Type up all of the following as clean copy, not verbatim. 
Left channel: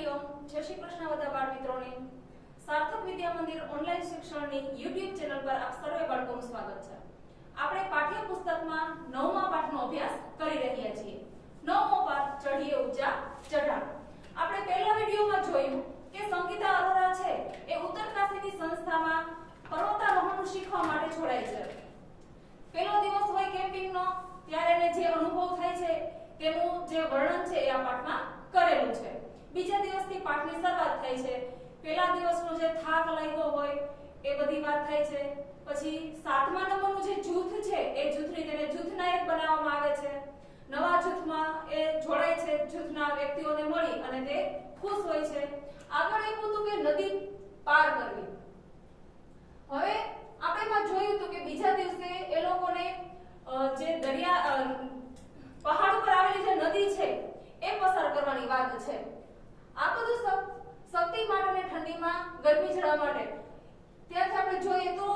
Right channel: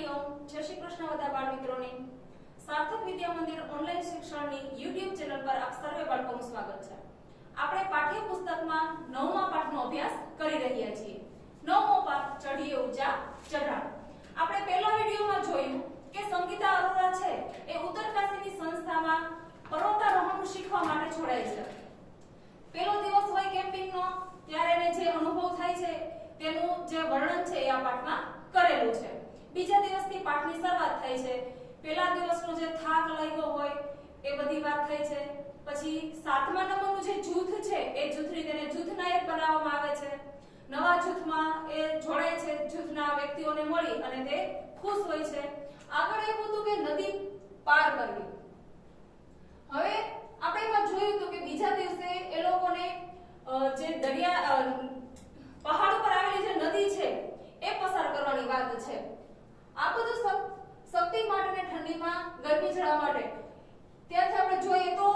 હરિઓમ, જય શ્રી કૃષ્ણ બધા બાળ મિત્રોને। સાર્થક વિદ્યા મંદિર ઓનલાઈન શિક્ષણની YouTube ચેનલ પર આપ સર્વે બાળકોનું સ્વાગત છે। આપણે પાઠ્ય પુસ્તકમાં 9મા પાઠનો અભ્યાસ કરી રહ્યા છીએ। 9મો પાઠ ચઢીએ ઊંચા ચઢાણ। આપણે પહેલા વિડિયોમાં જોયું કે સંગીતા અરોરા છે એ ઉત્તરકાશીની સંસ્થામાં પર્વતારોહણ શીખવા માટે જોડાઈ છે। પહેલો દિવસ હોય કેમ્પિંગનો, ત્યારે એને જે અનુભવ થાય છે તેનું જે વર્ણન છે એ આ પાઠમાં કરેલું છે। બીજા દિવસથી પાઠની શરૂઆત થાય છે। પહેલા દિવસનો જે થાક લાગ્યો હોય એ બધી વાત થાય છે। પછી 7મા નંબરનું જે જૂથ છે એ જૂથની તેને જૂથનાયક બનાવવામાં આવે છે। નવા જૂથમાં એ જોડાય છે, જૂથના વ્યક્તિઓને મળી અને તે ખુશ હોય છે। આગળ એવું હતું કે નદી પાર કરવી। હવે આપણે એમાં જોયું હતું કે બીજા દિવસે એ લોકોને જે દરિયા પહાડ પર આવેલી જે નદી છે એ પસાર કરવાની વાત છે। આ બધું શક્તિ માટે ઠંડીમાં ગરમી જળા માટે। ત્યારથી આપણે જોઈએ તો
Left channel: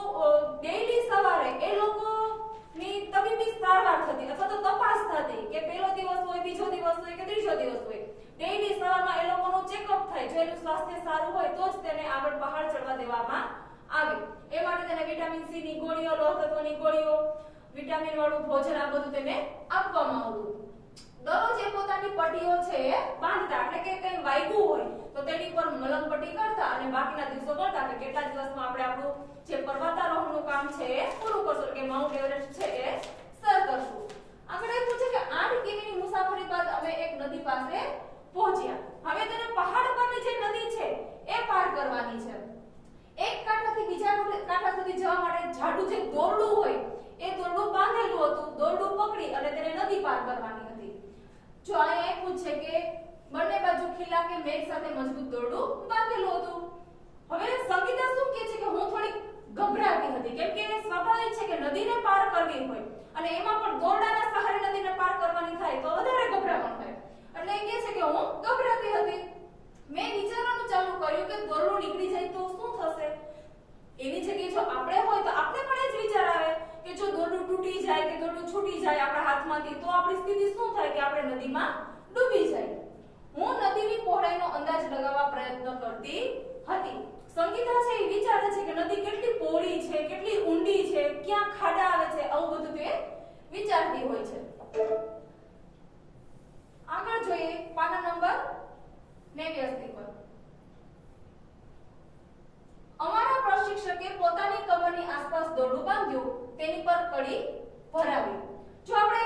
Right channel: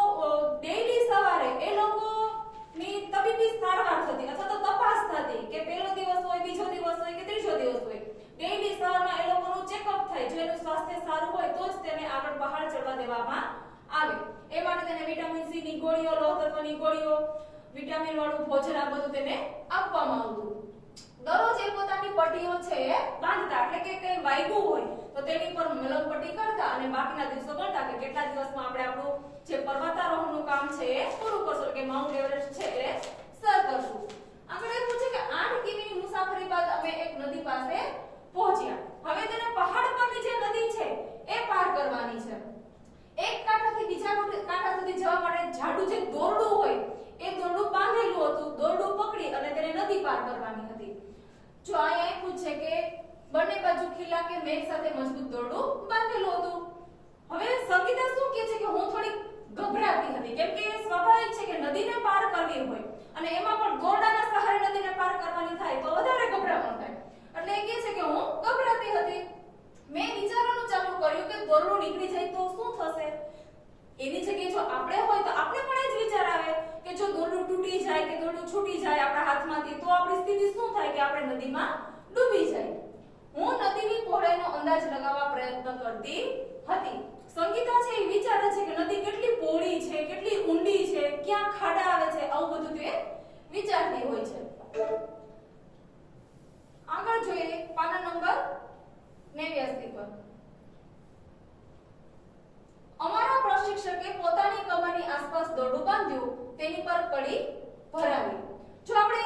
ડેઈલી સવારે એ લોકોની તબીબી સારવાર થતી અથવા તો તપાસ થતી કે પહેલો દિવસ હોય, બીજો દિવસ હોય કે ત્રીજો દિવસ હોય। ડેઈલી સવારમાં એ લોકોનું ચેકઅપ થાય। જો એનું સ્વાસ્થ્ય સારું હોય તો જ તેને આગળ પહાડ ચડવા દેવામાં આવે। એ માટે તેને વિટામિન સી ની ગોળીઓ, લોહ તત્વની ગોળીઓ, વિટામિન વાળું ભોજન આ બધું તેને આપવામાં આવતું। દરરોજ એ પોતાની પટ્ટીઓ છે એ બાંધતા, એટલે કે કઈ વાગ્યું હોય તો તેની પર મલમ પટ્ટી કરતા અને બાકીના દિવસો ગણતા કે કેટલા દિવસમાં આપણે આપણું જે પર્વતારોહણનું કામ છે એ પૂરું કરશું, કે માઉન્ટ એવરેસ્ટ છે એ સર કરશું। આગળ એ પૂછે કે 8 કિમીની મુસાફરી બાદ અમે એક નદી પાસે પહોંચ્યા। હવે તેને પહાડ પરની જે નદી છે એ પાર કરવાની છે। એક કાંઠાથી બીજા કાંઠા સુધી જવા માટે જાડું જે દોરડું હોય એ દોરડું બાંધેલું હતું। દોરડું પકડી અને તેને નદી પાર કરવાની હતી। જો અહીંયા પૂછે કે બંને બાજુ ખીલા કે મેઘ સાથે મજબૂત દોરડું બાંધેલું હતું। હવે સંગીતા શું કહે છે કે હું થોડી ગભરાતી હતી, કેમ કે સ્વાભાવિક છે કે નદીને પાર કરવી હોય અને એમાં પણ દોરડાના સહારે નદીને પાર કરવાની થાય તો વધારે ગભરામણ થાય। એટલે એ કહે છે કે હું ગભરાતી હતી। મેં વિચારવાનું ચાલુ કર્યું કે દોરડું નીકળી જાય તો શું થશે। એની જગ્યાએ જો આપણે હોય તો આપણે પણ એ જ વિચાર આવે કે જો દોરડું તૂટી જાય કે દોરડું છૂટી જાય આપણા હાથમાંથી તો આપણી સ્થિતિ શું થાય કે આપણે નદીમાં ડૂબી જાય। હું નદીની પહોળાઈનો અંદાજ લગાવવા પ્રયત્ન કરતી હતી। સંગીતા છે એ વિચારે છે કે નદી કેટલી પહોળી છે, કેટલી ઊંડી છે, ક્યાં ખાડા આવે છે, આવું બધું તે વિચારતી હોય છે। આગળ જોઈએ પાના નંબર 89 પર। અમારા પ્રશિક્ષકે પોતાની કમરની આસપાસ દોરડું બાંધ્યું, તેની પર કડી ભરાવી। જો આપણે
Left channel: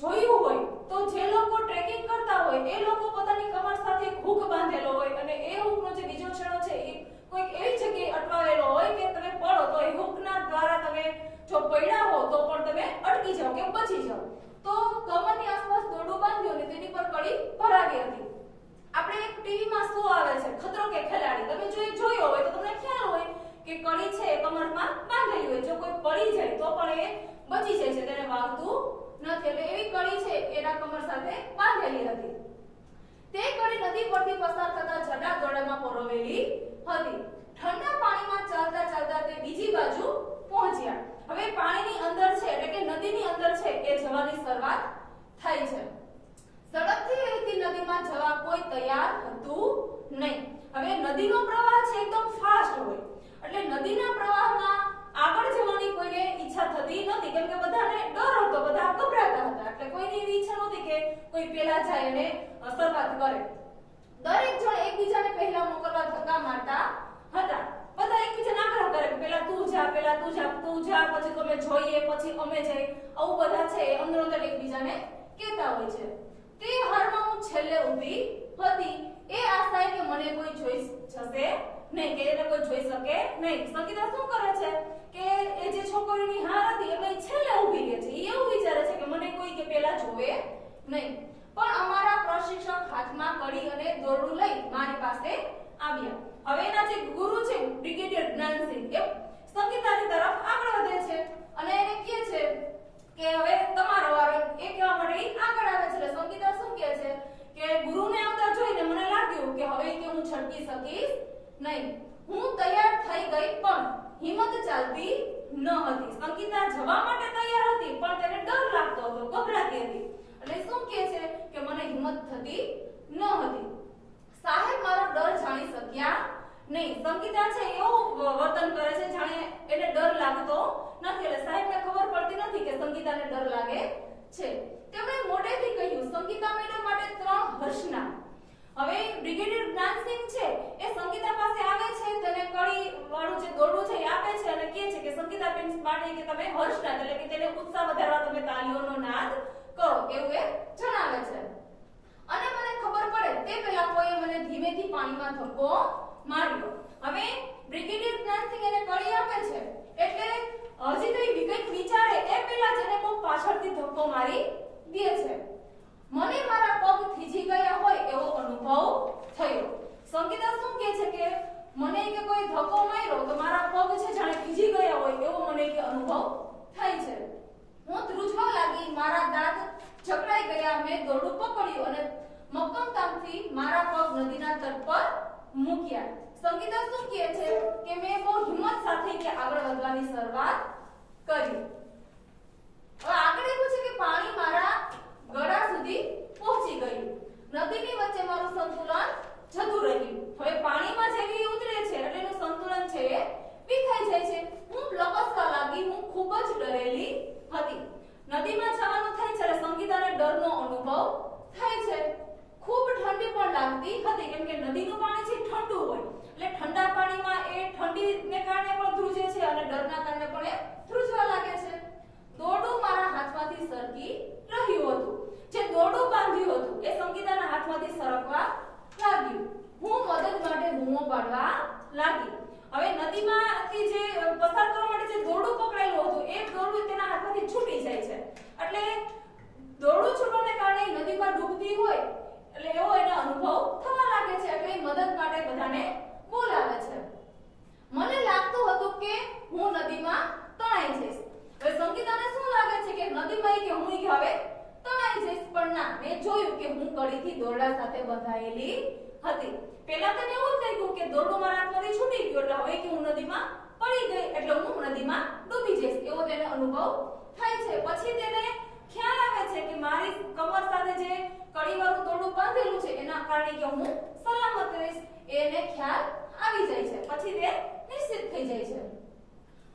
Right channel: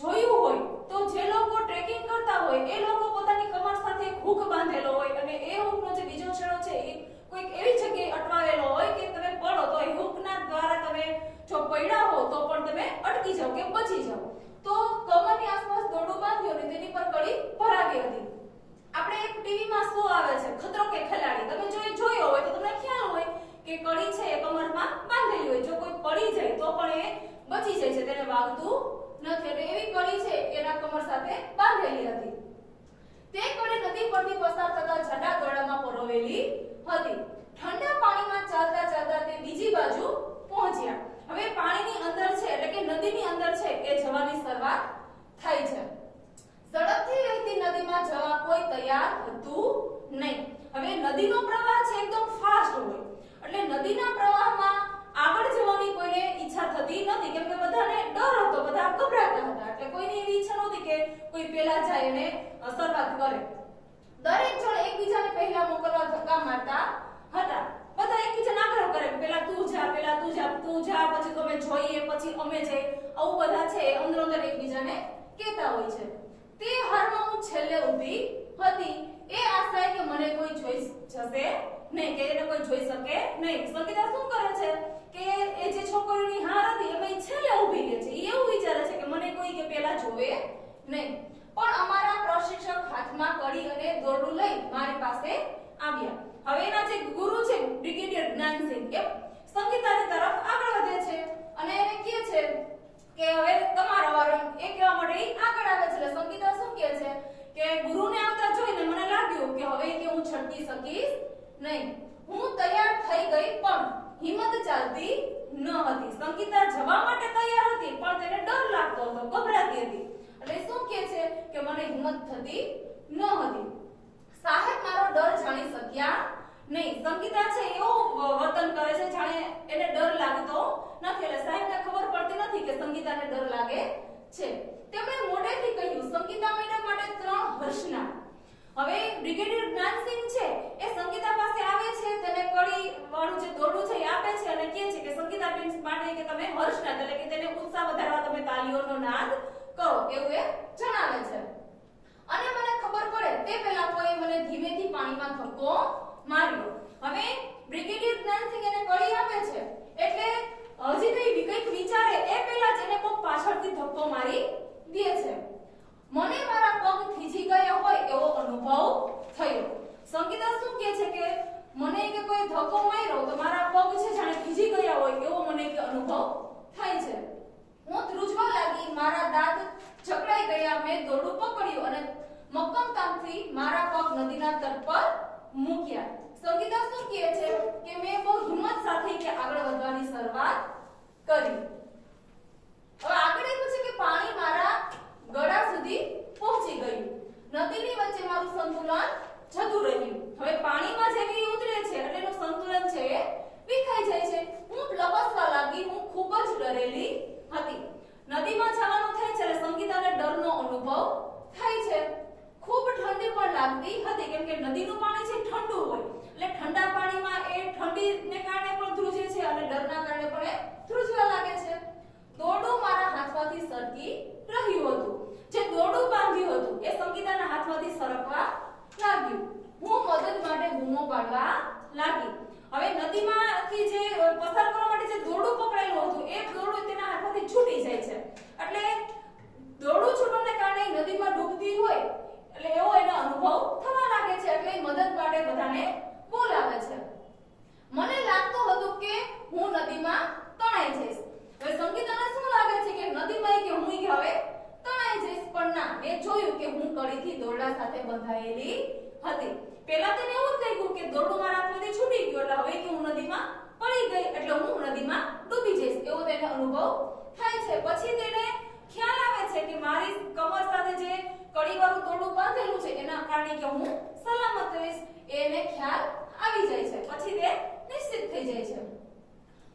જોયું હોય તો જે લોકો ટ્રેકિંગ કરતા હોય એ લોકો પોતાની કમર સાથે એક હૂક બાંધેલો હોય અને એ હૂકનો જે બીજો છેડો છે એ કોઈક એવી જગ્યાએ અટવાવેલો હોય કે તમે પડો તો એ હૂકના દ્વારા તમે જો પડ્યા હો તો પણ તમે અટકી જાઓ કે બચી જાઓ। તો કમરની આસપાસ દોરડું બાંધ્યું અને તેની પર કડી ભરાવી હતી। આપણે એક ટીવીમાં શો આવે છે ખતરો કે ખેલાડી, તમે જો એ જોયો હોય તો તમને ખ્યાલ હોય કે કડી છે એ કમરમાં બાંધેલી હોય, જો કોઈ પડી જાય તો પણ એ બચી જાય છે, તેને વાગતું નથી। એટલે એવી કડી છે એના કમર સાથે બાંધેલી હતી। તે કડી નદી પરથી પસાર થતા જાડા દોરડામાં પરોવેલી હતી। ઠંડા પાણીમાં ચાલતા ચાલતા તે બીજી બાજુ પહોંચ્યા। હવે પાણીની અંદર છે એટલે કે નદીની અંદર છે એ જવાની શરૂઆત થાય છે। સડકથી વહેતી નદીમાં જવા કોઈ તૈયાર હતું નહીં। હવે નદીનો પ્રવાહ છે એકદમ ફાસ્ટ હોય એટલે નદીના પ્રવાહમાં આગળ જવાની કોઈને ઈચ્છા થતી નથી, કેમ કે બધાને ડર હતો, બધા ગભરાતા હતા। એટલે કોઈની એવી ઈચ્છા નહોતી કે કોઈ પહેલા જાય અને શરૂઆત કરે। દરેક જણ એકબીજાને પહેલા મોકલવા ધક્કા મારતા હતા। બધા એકબીજાને આગ્રહ કરે કે પહેલા તું જા, પહેલા તું જા, તું જા, પછી તમે જોઈએ, પછી અમે જઈએ, આવું બધા છે અંદર અંદર એકબીજાને કહેતા હોય છે। તે હારમાં હું છેલ્લે ઊભી હતી, એ આશાએ કે મને કોઈ જોઈ જશે નહીં, કે એને કોઈ જોઈ શકે નહીં। સંગીતા શું કરે છે કે એ જે છોકરીની હાર હતી એમાં છેલ્લે ઊભી રહે છે। એ એવું વિચારે છે કે મને કોઈ કે પહેલા જોવે નહીં। પણ અમારા પ્રશિક્ષક હાથમાં કડી અને દોરડું લઈ મારી પાસે આવ્યા। હવે એના જે ગુરુ છે બ્રિગેડિયર જ્ઞાનસિંહ એ સંગીતાની તરફ આગળ વધે છે અને એને કહે છે કે હવે તમારો વારો। એ કહેવા માટે આગળ આવે છે। સંગીતા શું કહે છે કે ગુરુને આવતા જોઈને મને લાગ્યું કે હવે કે હું છટકી શકીશ નહીં। હું તૈયાર થઈ ગઈ પણ હિંમત ચાલતી ન હતી। સંગીતા જવા માટે તૈયાર હતી પણ તેને ડર લાગતો હતો, ગભરાતી હતી। એટલે શું કહે છે કે મને હિંમત થતી નહીં. સંગીતા છે એવું વર્તન કરે છે જાણે એને ડર લાગતો નથી. એટલે સાહેબને ખબર પડતી નથી કે સંગીતાને ડર લાગે છે. તેમણે મોઢેથી કહ્યું, સંગીતા મેડમ માટે 3 હર્ષના. હવે બ્રિગેડિયર જ્ઞાનસિંહ છે એ સંગીતા પાસે આવે છે, તેને કડી વાળું જે દોરડું છે એ આપે છે અને કહે છે કે સંગીતા બેન માટે કે તમે હર્ષના એટલે કે તેને ઉત્સાહ વધારવા તમે તાલીઓનો નાદ કરો એવું એ જણાવે છે. અને મને ખબર પડે તે પહેલા કોઈ મને ધીમેથી પાણીમાં ધક્કો માર્યો. હવે બ્રિગેડિયર જ્ઞાનસિંહ એને કડી આપે છે એટલે હજી તો એ કંઈક વિચારે એ પહેલા જ એને કોઈ પાછળથી ધક્કો મારી દે છે. મને મારા પગ થીજી ગયા હોય એવો અનુભવ થયો. સંગીતા શું કહે છે કે મને કે કોઈ ધક્કો માર્યો તો મારા પગ છે જાણે થીજી ગયા હોય એવો મને કે અનુભવ થાય છે. હું ધ્રુજવા લાગી, મારા દાંત જકડાઈ ગયા. મેં દોરડું પકડ્યું અને મક્કમતાથી મારા પગ નદીના તટ પર મૂક્યા. સંગીતા શું કહે છે કે મેં બહુ હિંમત સાથે કે આગળ વધવાની શરૂઆત કરી. હવે આગળ એવું છે કે પાણી મારા ગળા સુધી પહોંચી ગયું. નદીની વચ્ચે મારું સંતુલન જતું રહ્યું. હવે પાણીમાં જેવી ઉતરે છે એટલે એનું સંતુલન છે એ વિખાઈ જાય છે. હું લપસવા લાગી. હું ખૂબ જ ડરેલી હતી. નદીમાં જવાનું થાય છે એટલે સંગીતાને ડરનો અનુભવ થાય છે. ખૂબ ઠંડી પણ લાગતી હતી કેમ કે નદીનું પાણી છે ઠંડુ હોય એટલે ઠંડા પાણીમાં એ ઠંડીને કારણે પણ ધ્રુજે છે અને ડરના કારણે પણ એ ધ્રુજવા લાગે છે. દોરડું મારા હાથમાંથી સરકી રહ્યું હતું. જે દોરડું બાંધ્યું હતું એ સંગીતાના હાથમાંથી સરકવા લાગ્યું. હું મદદ માટે બૂમો પાડવા લાગી. હવે નદીમાંથી જે પસાર કરવા માટે જે દોરડું પકડાયેલું હતું એ દોરડું તેના હાથમાંથી છૂટી જાય છે. એટલે દોરડું છૂટવાને કારણે નદીમાં ડૂબતી હોય એટલે એવો એને અનુભવ થવા લાગે છે. એટલે મદદ માટે બધાને બોલાવે છે. મને લાગતું હતું કે હું નદીમાં તણાઈ જઈશ. હવે સંગીતાને શું લાગે છે કે નદીમાં કે હું કે હવે તણાઈ જઈશ, પણ ના, મેં જોયું કે હું કડીથી દોરડા સાથે બંધાયેલી હતી. પહેલા તેને એવું જ લાગ્યું કે દોરડું મારા હાથમાંથી છૂટી ગયું એટલે હવે કે હું નદીમાં પડી ગઈ એટલે હું નદીમાં ડૂબી જઈશ એવો તેને અનુભવ થાય છે. પછી તેને ખ્યાલ આવે છે કે મારી કમર સાથે જે કડીવાળું દોરડું બાંધેલું છે એના કારણે કે હું સલામત રહીશ એને ખ્યાલ આવી જાય છે. પછી તે નિશ્ચિત થઈ જાય છે.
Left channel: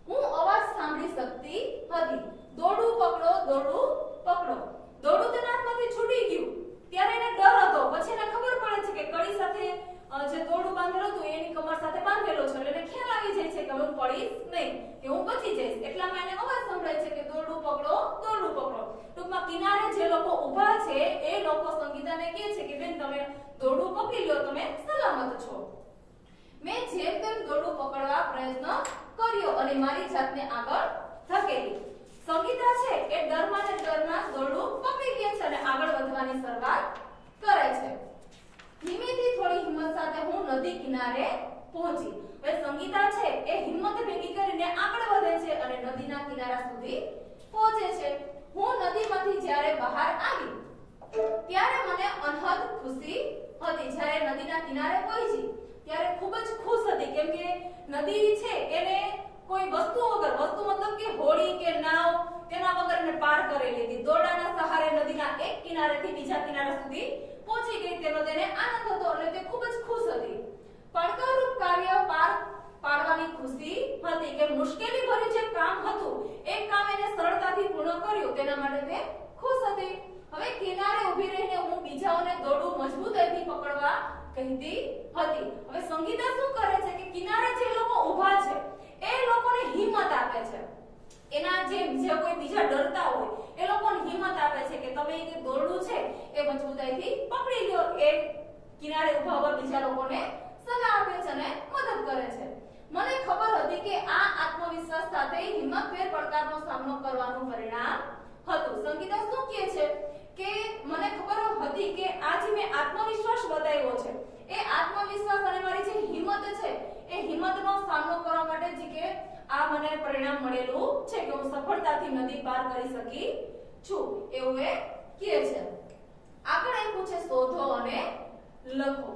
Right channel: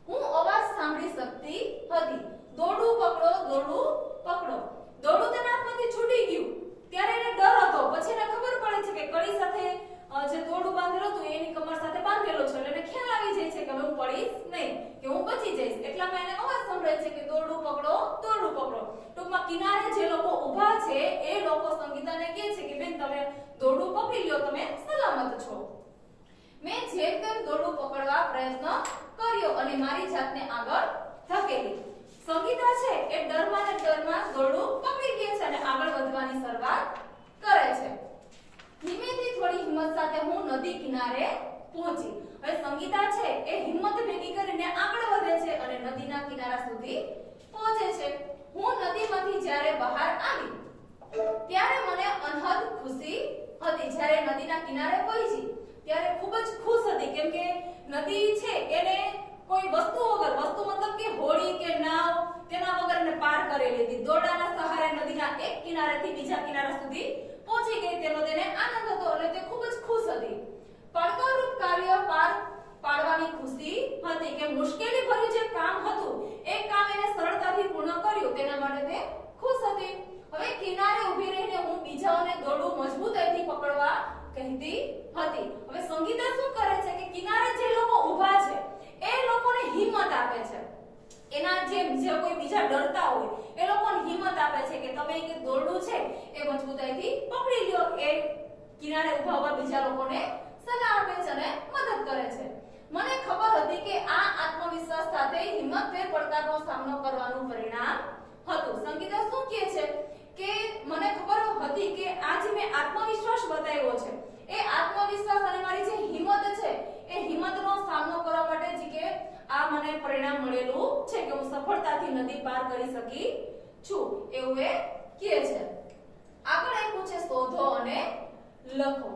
હું અવાજ સાંભળી શકતી હતી. દોરડું પકડો, દોરડું પકડો. દોરડું તેના હાથમાંથી છૂટી ગયું ત્યારે એને ડર હતો. પછી એને ખબર પડે છે કે કડી સાથે જે દોરડું બાંધેલું હતું એની કમર સાથે બાંધેલો છે એટલે એને ખ્યાલ આવી જાય છે કે હું પડીશ નહીં, કે હું બચી જઈશ. એટલામાં એને અવાજ સંભળાય છે કે દોરડું પકડો, દોરડું પકડો. ટૂંકમાં કિનારે જે લોકો ઊભા છે એ લોકો સંગીતાને કહે છે કે બેન તમે દોરડું પકડી લ્યો, તમે સલામત છો. મેં જેમ તેમ દોરડું પકડવા પ્રયત્ન કર્યો અને મારી જાતને આગળ ધકેલી. સંગીતા છે એ ડરમાં ને ડરમાં દોરડું પકડી લે છે અને આગળ વધવાની શરૂઆત કરે છે. ધીમેથી થોડી હિંમત સાથે હું નદી કિનારે પહોંચી. હવે સંગીતા છે એ હિંમત ભેગી કરીને આગળ વધે છે અને નદીના કિનારા સુધી પહોંચે છે. હું નદીમાંથી જ્યારે બહાર આવી ત્યારે મને અનહદ ખુશી હતી. જ્યારે નદીના કિનારે પહોંચી ત્યારે ખૂબ જ ખુશ હતી કેમ કે નદી છે એને કોઈ વસ્તુ વગર, વસ્તુ મતલબ કે હોડી કે નાવ તેના વગર એને પાર કરી લીધી. દોરડાના સહારે નદીના એક કિનારેથી બીજા કિનારા સુધી પહોંચી ગઈ તેનો તેને આનંદ હતો એટલે તે ખૂબ જ ખુશ હતી. પડકારરૂપ કાર્ય પાર પાડવાની ખુશી હતી કે મુશ્કેલી ભર્યું જે કામ હતું એ કામ એને સરળતાથી પૂર્ણ કર્યું તેના માટે તે ખુશ હતી. હવે કિનારે ઊભી રહીને હું બીજાઓને દોરડું મજબૂતાઈથી પકડવા કહેતી હતી. હવે સંગીતા શું કરે છે કે કિનારે જે લોકો ઊભા છે એ લોકોને હિંમત આપે છે. એના જે કોઈ બીજા ડરતા હોય એ લોકોને હિંમત આપે છે કે તમે કે દોરડું છે એ મજબૂતાઈથી પકડી લ્યો. એ કિનારે ઊભા ઉભા બીજા લોકોને સલાહ આપે છે અને મદદ કરે છે. મને ખબર હતી કે આ આત્મવિશ્વાસ સાથે હિંમતભેર પડકારનો સામનો કરવાનું પરિણામ હતું. સંગીતા શું કહે છે કે મને ખબર હતી કે આજ મેં આત્મવિશ્વાસ બતાવ્યો છે. એ આત્મવિશ્વાસ અને મારી જે હિંમત છે એ હિંમતનો સામનો કરવા માટે જ કે આ મને પરિણામ મળેલું છે કે હું સફળતાથી નદી પાર કરી શકી છું એવું એ કહે છે. આગળ આપ્યું છે શોધો અને લખો.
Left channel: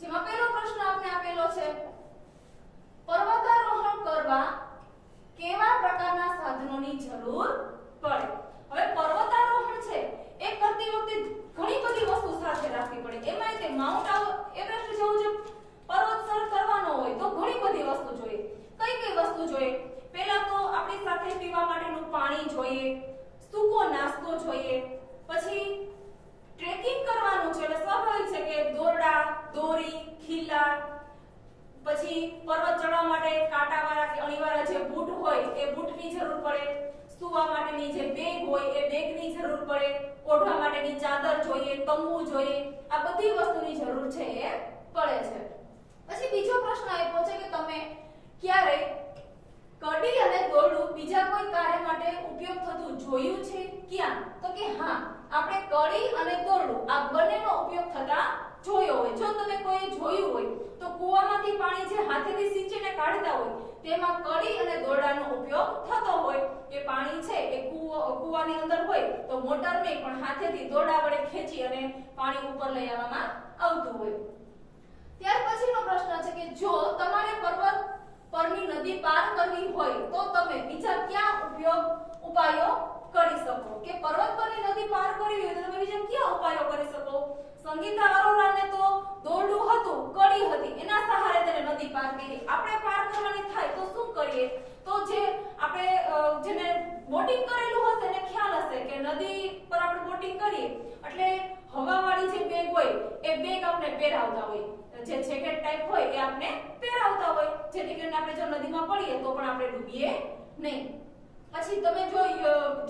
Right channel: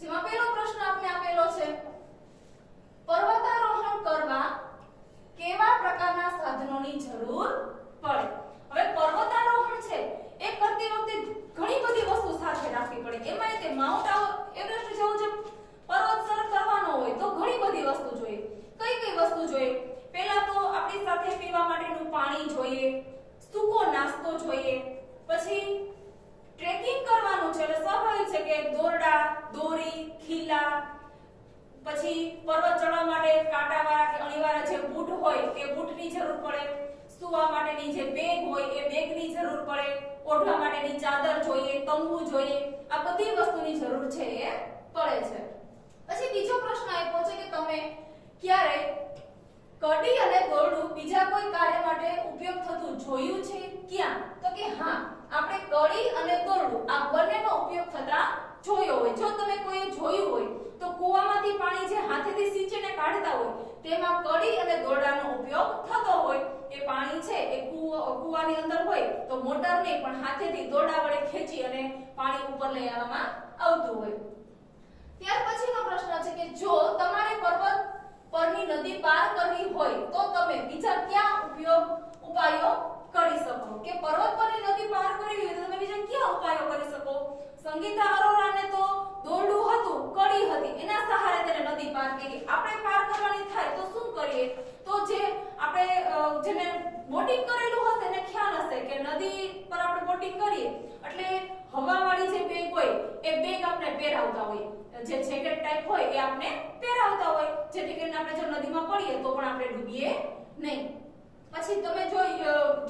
જેમાં પહેલો પ્રશ્ન આપણે આપેલો છે પર્વતારોહણ કરવા કેવા પ્રકારના સાધનોની જરૂર પડે. હવે પર્વતારોહણ છે એ કરતી વખતે ઘણી બધી વસ્તુ સાથે રાખવી પડે. એમાં તે માઉન્ટ એવરેસ્ટ જેવું જે પર્વત સર કરવાનો હોય તો પછી પર્વત ચડવા માટે કાંટાવાળા કે અણીવાળા જે બૂટ હોય એ બૂટની જરૂર પડે, સુવા માટેની જે બેગ હોય એ બેગની જરૂર પડે, ઓઢવા માટેની ચાદર જોઈએ, તંબુ જોઈએ, આ બધી વસ્તુની જરૂર છે એ પડે છે. પછી બીજો પ્રશ્ન આપ્યો છે કે તમે ક્યારે કડી અને દોરડું બીજા કોઈ કાર્ય માટે ઉપયોગ થતું જોયું છે? ક્યાં? તો કે હા, આપણે કડી અને દોરડું આ બંનેનો ઉપયોગ થતા જોયો હોય. જો તમે કોઈ જોયું હોય તો કૂવામાંથી પાણી જે હાથેથી સિંચીને કાઢતા હોય તેમાં કડી અને દોરડાનો ઉપયોગ થતો હોય. એ પાણી છે એ કૂવાની અંદર હોય તો મોટર નહીં પણ હાથેથી દોરડા વડે ખેંચી અને પાણી ઉપર લઈ આવવામાં આવતું હોય. ત્યાર પછીનો પ્રશ્ન છે કે જો તમારે પર્વત પરની નદી પાર કરવી હોય તો તમે બીજા કયા ઉપાયો કરી શકો? કે પર્વત પરની નદી પાર કરવી હોય તો તમે બીજા કયા ઉપાયો કરી શકો? સંગીતા અરોરાને તો દોરડું હતું, કડી હતી, એના સહારે તેને નદી પાર કરી. આપણે પાર કરવાની થાય તો શું કરીએ? તો જે આપણે જેને બોટિંગ કરેલું હશે એને ખ્યાલ હશે કે નદી પર આપણે બોટિંગ કરીએ એટલે હવાવાળી જે બેગ હોય એ બેગ આપણે પહેરાવતા હોય, જે જેકેટ ટાઈપ હોય એ આપણે પહેરાવતા હોય, જેથી કરીને આપણે જો નદીમાં પડીએ તો પણ આપણે ડૂબીએ નહીં. પછી તમે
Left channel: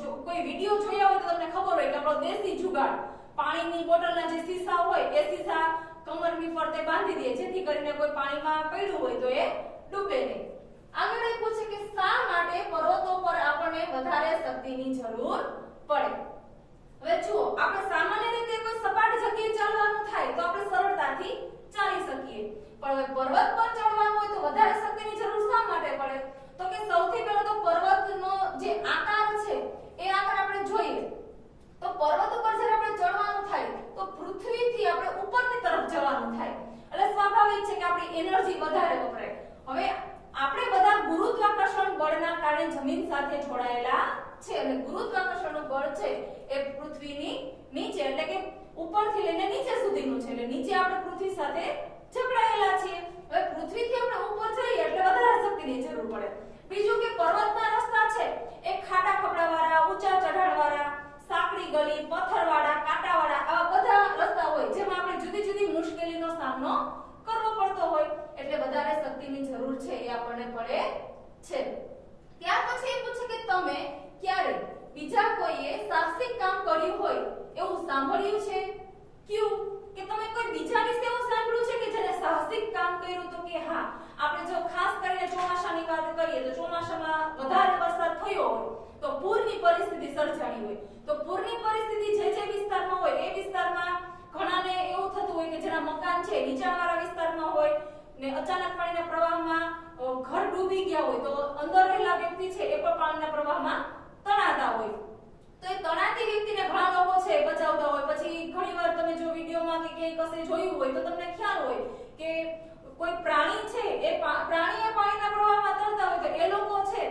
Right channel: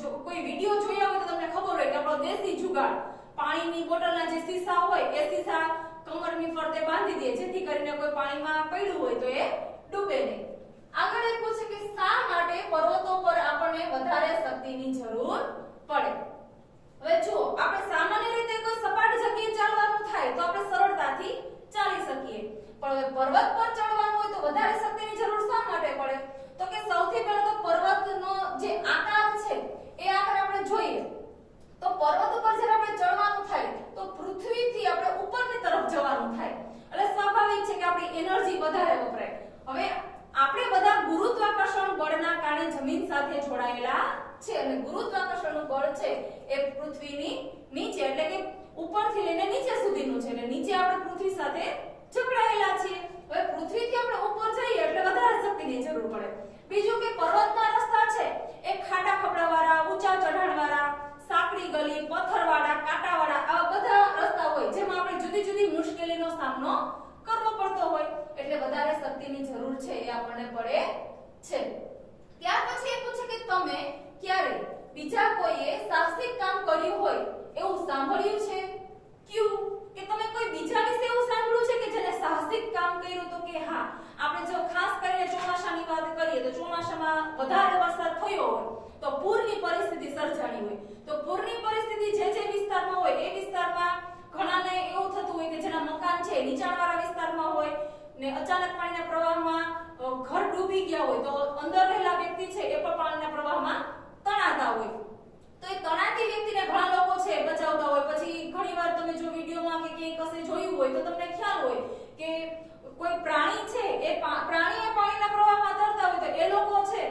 જો કોઈ વિડિયો જોયા હોય તો તમને ખબર હોય કે આપણો દેશી જુગાડ પાણીની બોટલના જે સીસા હોય એ સીસા કમરની ફરતે બાંધી દે જેથી કરીને કોઈ પાણીમાં પડ્યું હોય તો એ ડૂબે નહીં. આગળ એ પૂછે કે શા માટે પર્વતો પર આપણને વધારે શક્તિની જરૂર પડે? હવે જુઓ, આપણે સામાન્ય રીતે કોઈ સપાટ જગ્યાએ ચાલવાનું થાય તો આપણે સરળતાથી ચાલી શકીએ, પણ હવે પર્વત પર ચડવાનું હોય તો વધારે શક્તિની જરૂર શા માટે પડે? તો કે સૌથી પહેલા તો પર્વતનો જે આકાર છે એ આકાર આપણે જોઈએ તો પર્વત ઉપર જ્યારે આપણે ચડવાનું થાય તો પૃથ્વીથી આપણે ઉપરની તરફ જવાનું થાય એટલે સ્વાભાવિક છે કે આપણી એનર્જી વધારે વપરાય. હવે આપણે બધા ગુરુત્વાકર્ષણ બળના કારણે જમીન સાથે જોડાયેલા છે અને ગુરુત્વાકર્ષણનું બળ છે એ પૃથ્વીની નીચે એટલે કે ઉપરથી લઈને નીચે સુધીનું છે એટલે નીચે આપણે પૃથ્વી સાથે જકડાયેલા છીએ. હવે પૃથ્વીથી આપણે ઉપર જઈએ એટલે વધારે શક્તિની જરૂર પડે. બીજું કે પર્વતના રસ્તા છે એ ખાડા ખબડાવાળા, ઊંચા ચઢાણવાળા, સાંકડી ગલી, પથ્થરવાળા, કાંટાવાળા આવા બધા રસ્તા હોય જેમાં આપણે જુદી જુદી મુશ્કેલીનો સામનો કરવો પડતો હોય એટલે વધારે શક્તિની જરૂર છે એ આપણને પડે છે. ત્યાર પછી એ પૂછે કે તમે ક્યારે બીજા કોઈએ સાહસિક કામ કર્યું હોય એવું સાંભળ્યું છે? ક્યું? કે તમે કોઈ બીજા વિશે એવું સાંભળ્યું છે કે જેને સાહસિક કામ કર્યું? તો કે હા, આપણે જો ખાસ કરીને ચોમાસાની વાત કરીએ તો ચોમાસામાં વધારે વરસાદ થયો હોય તો પૂરની પરિસ્થિતિ સર્જાણી હોય તો પૂરની પરિસ્થિતિ જે વિસ્તારમાં હોય એ વિસ્તારમાં ઘણાને એવું થતું હોય કે જેના મકાન છે નીચાણવાળા વિસ્તારમાં હોય ને અચાનક પાણીના પ્રવાહમાં ઘર ડૂબી ગયા હોય તો અંદર રહેલા વ્યક્તિ છે એ પણ પાણીના પ્રવાહમાં તણાતા હોય તો એ તણાતી વ્યક્તિને ઘણા લોકો છે બચાવતા હોય. પછી ઘણીવાર તમે જો વિડિયોમાં કે ક્યાંય કશે જોયું હોય તો તમને ખ્યાલ હોય કે કોઈ પ્રાણી છે એ પ્રાણીએ પાણીના પ્રવાહમાં તરતા હોય તો એ લોકો છે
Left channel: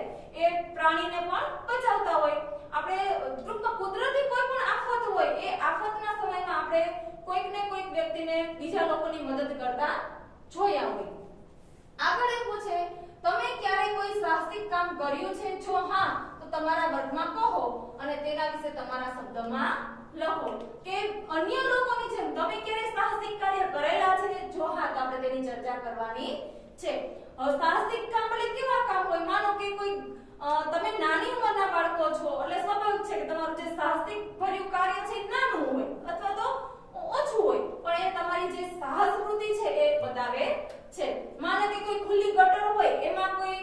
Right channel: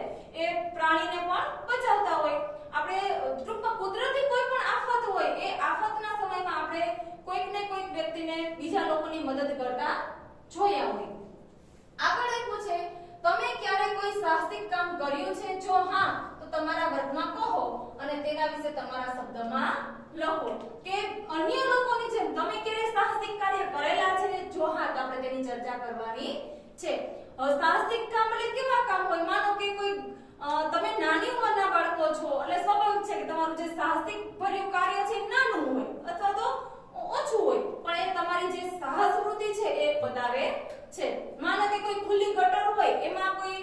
એ પ્રાણીને પણ બચાવતા હોય. આપણે ટૂંકમાં કુદરતી કોઈ પણ આફત હોય એ આફતના સમયમાં આપણે કોઈક ને કોઈક વ્યક્તિને બીજા લોકોની મદદ કરતા જોયા હોય. આગળ એ પૂછે તમે ક્યારે કોઈ સાહસિક કામ કર્યું છે? જો હા તો તમારા વર્ગમાં કહો અને તેના વિશે તમારા શબ્દમાં લખો. કે અન્ય લોકોની જેમ તમે ક્યારે સાહસિક કાર્ય કરેલા છે? જો હા તો આપણે તેની ચર્ચા કરવાની છે. સાહસિક કામ એટલે કેવા કામ હોય? માનો કે કોઈ તમે નાની ઉંમરના બાળકો છો એટલે સ્વાભાવિક છે કે તમારું જે સાહસિક ભર્યું કાર્ય છે નાનું હોય અથવા તો ઓછું હોય પણ એ તમારી જે સાહસ વૃત્તિ છે એ બતાવે છે. માનો કે કોઈ ખુલ્લી ગટર હોય એમાં કોઈ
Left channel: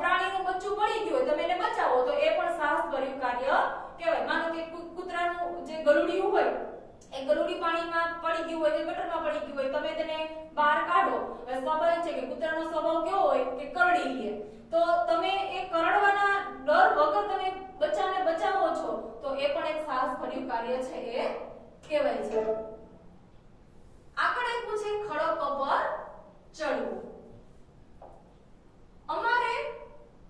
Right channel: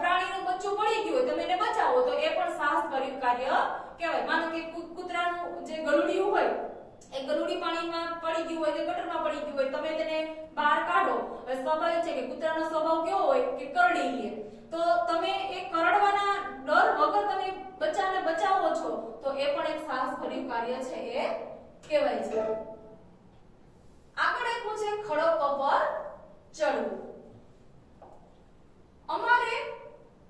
પ્રાણીનું બચ્ચું પડી ગયું હોય તમે એને બચાવો તો એ પણ સાહસ ભર્યું કાર્ય કહેવાય. માનો કે કૂતરાનું જે ગલુડિયું હોય એ ગલુડી પાણીમાં પડી ગયું હોય કે ગટરમાં પડી ગયું હોય તમે તેને બહાર કાઢો. હવે સ્વાભાવિક છે કે કૂતરાનો સ્વભાવ કેવો હોય કે કરડી લે તો તમે એ કરડવાના ડર વગર તમે બચ્ચાને બચાવો છો તો એ પણ એક સાહસ ભર્યું કાર્ય છે એ કહેવાય છે. આગળ એક પૂછે ખડકો પર ચડવું. અમારે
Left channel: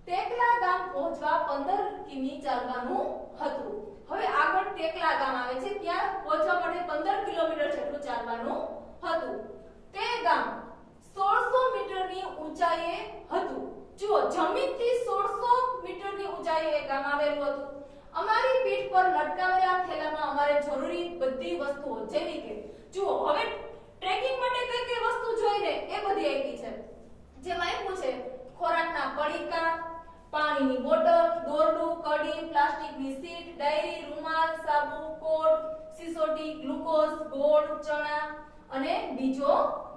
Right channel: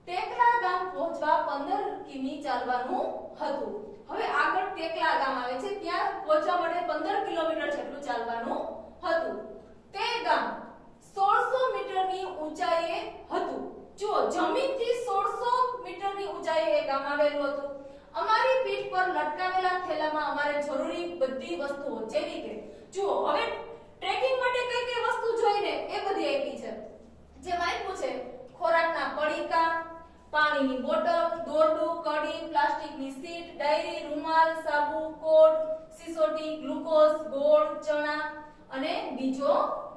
ટેકલા ગામ પહોંચવા 15 કિમી ચાલવાનું હતું. હવે આગળ ટેકલા ગામ આવે છે ત્યાં પહોંચવા માટે 15 કિલોમીટર જેટલું ચાલવાનું હતું. તે ગામ 1600 મીટરની ઊંચાઈએ હતું. જો જમીનથી 1600 મીટરની ઊંચાઈએ એ ગામ આવેલું હતું. અમારી પીઠ પર લટકાવેલા થેલામાં અમારે જરૂરી બધી વસ્તુઓ જેવી કે જુઓ હવે ટ્રેકિંગ માટે કઈ કઈ વસ્તુ જોઈએ એ બધી આપી છે. જેમાં આપ્યું છે ખોરાકના પડીકા, પાણીની બોટલ, દોરડું, કડી, પ્લાસ્ટિકની સીટ, ડાયરી, રૂમાલ, સાબુ, કોટ, સિસોટી, ગ્લુકોઝ, ગોળ, ચણા અને બીજો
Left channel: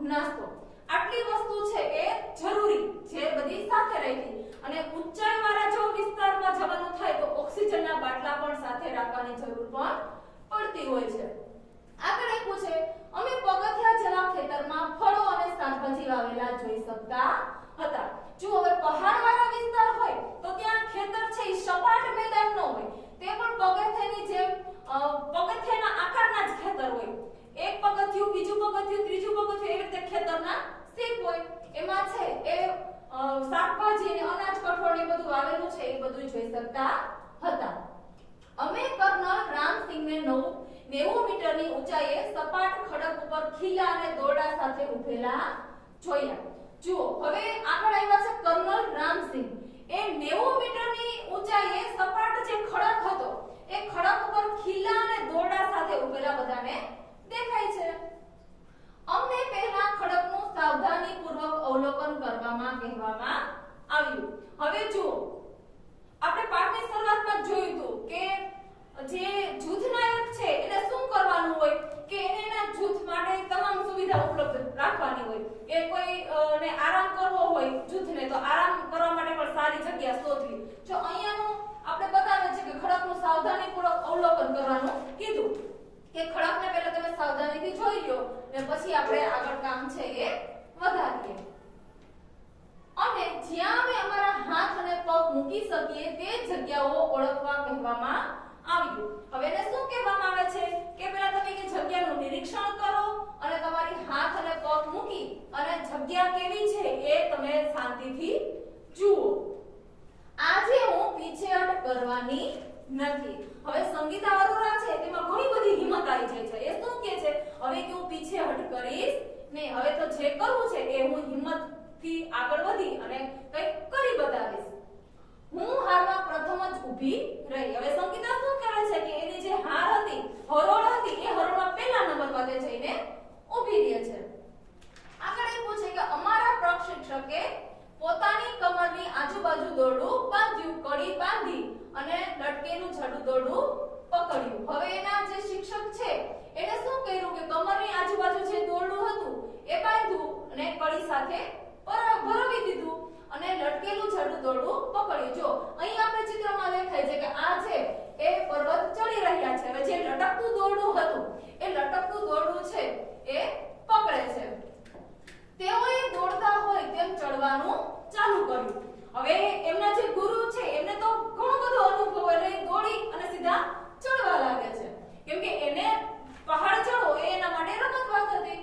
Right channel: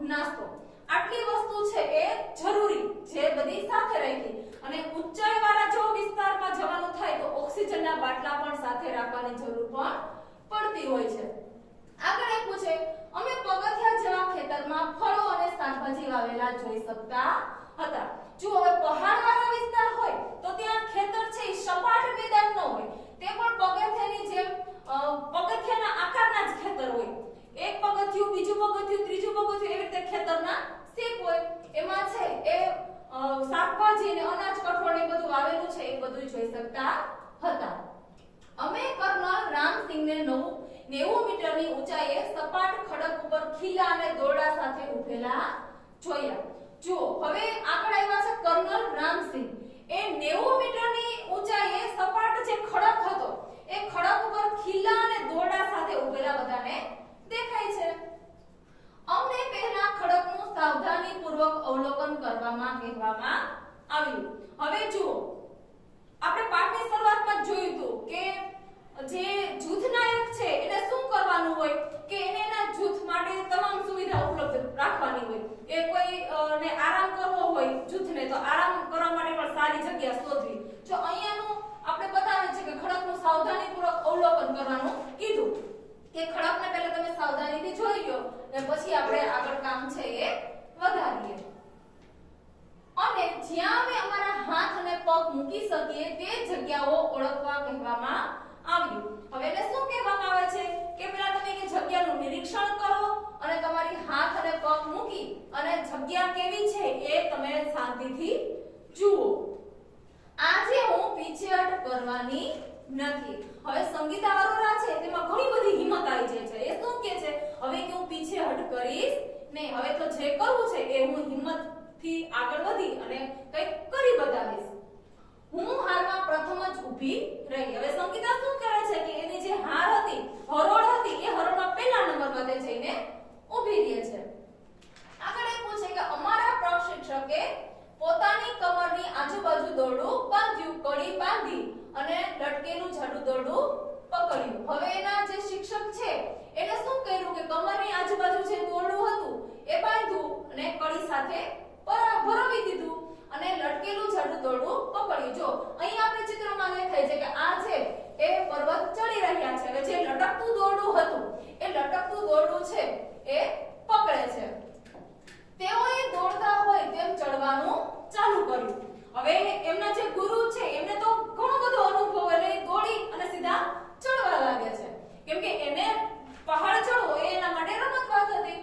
નાસ્તો. આટલી વસ્તુ છે એ જરૂરી જે બધી સાથે રાખી. અને ઊંચાઈવાળા જો વિસ્તારમાં જવાનું થાય તો ઓક્સિજનના બાટલા પણ સાથે રાખવાની જરૂર પણ પડતી હોય છે. આગળ આપ્યું છે અમે પગથિયા જેવા ખેતરમાં ફળો અને શાકભાજી વાવેલા જોઈ શકતા હતા. જો હવે પહાડવાળા વિસ્તાર હોય તો ત્યાં ખેતર છે એ સપાટ મેદાન ન હોય, તે પણ પગથિયાની જેમ પગથિયાના આકારના જ ખેતર હોય. એક પગથિયું, બીજું પગથિયું, ત્રીજું પગથિયું, એવી રીતે ખેતરના શીપ હોય. એમાં છે એ શાકભાજી ને અનાજ, કઠોળ ને બધું વાવેલું છે એ બધું જોઈ શકતા હતા. અમે કર્નલ રામસિંહને 90 મીટરની ઊંચાઈએ સપાટ ખડક ઉપર ખીલા અને દોરડા સાથે ઉભેલા જોયા. જુઓ હવે આગળ આવ્યા છે કર્નલ રામસિંહ. એ 90 મીટરની ઊંચાઈએ સપાટ જે ખડક હતો એ ખડક ઉપર ખીલા અને દોરડા સાથે ઉભેલા બધાને દેખાય છે. અમને પહેલા ખડકનું સાવધાનીપૂર્વક અવલોકન કરવામાં કહેવામાં આવ્યું. હવે જુઓ આપણે પાઠની શરૂઆતમાં જોયું હતું કે જે જૂથ નાયક છે એને શું કરવાનું હોય કે એને એના જૂથ માટે તમામ સુવિધા ઉપલબ્ધ રાખવાની હોય. એ કોઈ ને આરામ કરવો હોય જૂથને તો આરામ કરવા માટે પણ સારી જગ્યા શોધવી. જો અહીંયાનું આપણે બતાવે છે કે ખડકનું સાવધાનીપૂર્વક અવલોકન કરવાનું કીધું કે ખડકને પહેલા તમે સાવધાનીથી જોઈ લો અને પછી આપણે આગળ કામ છે એ વધારીએ. અને જ્યાં અમે અમારા હાથ અને પગ મૂકી શકીએ તે જગ્યાઓ ઓળખવા કહેવામાં આવ્યું. હવે એને શું કહેવામાં આવે છે કે પહેલા તમે એ જગ્યાનું નિરીક્ષણ કરો અને તમારી હાથ અને પગ મૂકી અને જગ્યા કેવી છે એ તમે શાંતિથી જુઓ. આજે હું પીછેહટ કરવાની નથી. હવે સંગીતા અરોરા છે તેમાં ઘણી બધી હિંમત આવી જાય છે. એ શું કહે છે હવે કે હું પીછેહટ કરીશ નહીં, હવે તો જે કરવું છે એ હું હિંમતથી આગળ વધી અને કંઈક કરી બતાવીશ. હું હારમાં પ્રથમ જ ઊભી રહી. હવે સંગીતા શું કરે છે કે એની જે હાર હતી, હરોળ હતી, એ હરોળમાં પહેલા નંબરમાં તે જઈને ઊભી રહે છે. આગળ એ પૂછે કે અમારા પ્રશિક્ષકે પોતાની કમરની આજુબાજુ દોરડું બાંધ્યું, કડી બાંધી અને લટકેલું જાડું દોરડું પકડ્યું. હવે એના જે શિક્ષક છે એને શું કર્યું કે કમરની આજુબાજુ જે દોરડું હતું એ બાંધ્યું અને કડી સાથે ભરવી દીધું અને લટકેલું જાડું દોરડું પકડ્યું. જો અહીં આપણે ચિત્રમાં દેખાય છે કે આ છે એ પર્વત ચડી રહ્યા છે. હવે જે લટકતું દોરડું હતું એ લટકતું દોરડું છે એ પકડે છે. તેઓએ દોડતા હોય તેમ ચડવાનું ચાલુ કર્યું. હવે એમના જે ગુરુ છે એમને તો ઘણો બધો અનુભવ એટલે દોડી અને સીધા ચડવા લાગે છે, કેમ કે એને પહાડ ચડવો એ એના માટે રમત વાત હતી.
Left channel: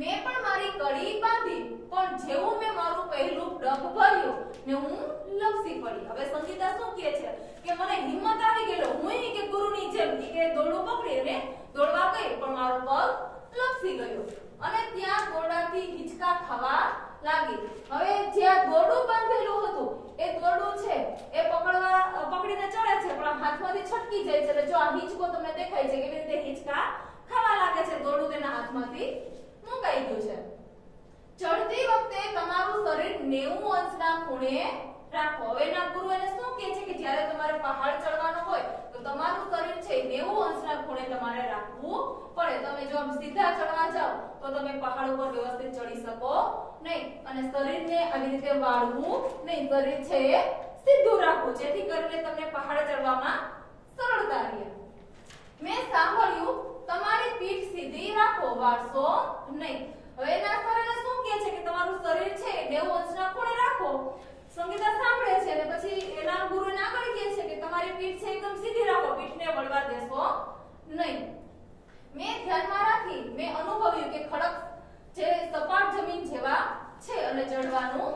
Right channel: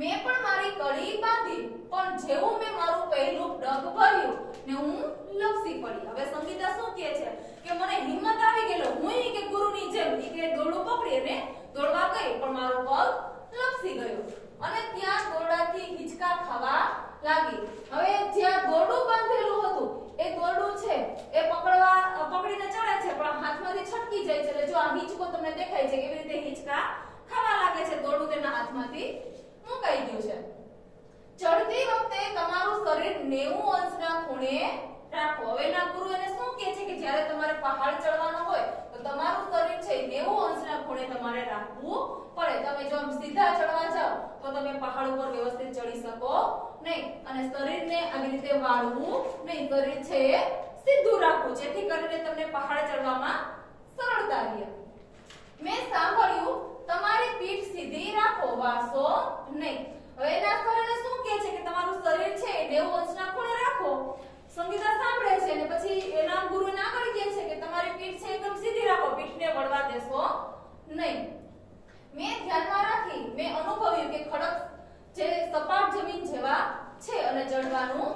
મેં પણ મારી કડી બાંધી પણ જેવું મેં મારું પહેલું ડગ ભર્યું ને હું લપસી પડી. હવે સંગીતા શું કહે છે કે મને હિંમત આવી ગયેલો, હું કે ગુરુની જેમ કે દોરડું પકડી અને દોડવા ગઈ પણ મારો પગ લપસી ગયો અને ત્યાં દોરડાથી હિંચકા ખાવા લાગી. હવે જ્યાં દોરડું બાંધેલું હતું એ દોરડું છે એ પકડીને ચડે છે પણ હાથમાંથી છટકી જાય છે. એટલે જો આ હિંચકો તમને દેખાય છે કેવી રીતે હિંચકા ખાવા લાગે છે, દોરડું તેના હાથમાંથી મુકાઈ ગયું છે. ચડતી વખતે તમારું શરીર 90 અંશના ખૂણે રાખો. હવે એના ગુરુ એને શું કહે છે કે જ્યારે તમારે પહાડ ચડવાનો હોય તો તમારું શરીર છે 90 અંશના ખૂણે તમારે રાખવું પડે. તમે જો સીધા ચડવા જાઓ તો તમે પહાડ ઉપર વ્યવસ્થિત ચડી શકો નહીં અને શરીરને આવી રીતે વાળવું નહીં. શરીર છે એ સીધું રાખવું જેથી કરીને તમને પહાડ ચડવામાં સરળતા રહે. મેં સાંભળ્યું તમારી પીઠ સીધી રાખો, વાળશો નહીં. હવે એના કારણે શું કહે છે કે તમારું શરીર છે 90 અંશના ખૂણે રાખો. સંગીતા સાંભળે છે અને પછી એના ગુરુને આગળ કહે છે કે તમારી પીઠ છે એકદમ સીધી રાખો, પીઠને વળવા દેશો નહીં. મેં ધ્યાનમાં રાખી, મેં અનુભવ્યું કે ખડક જે સપાટ જમીન જેવા છે અને ચડવાનું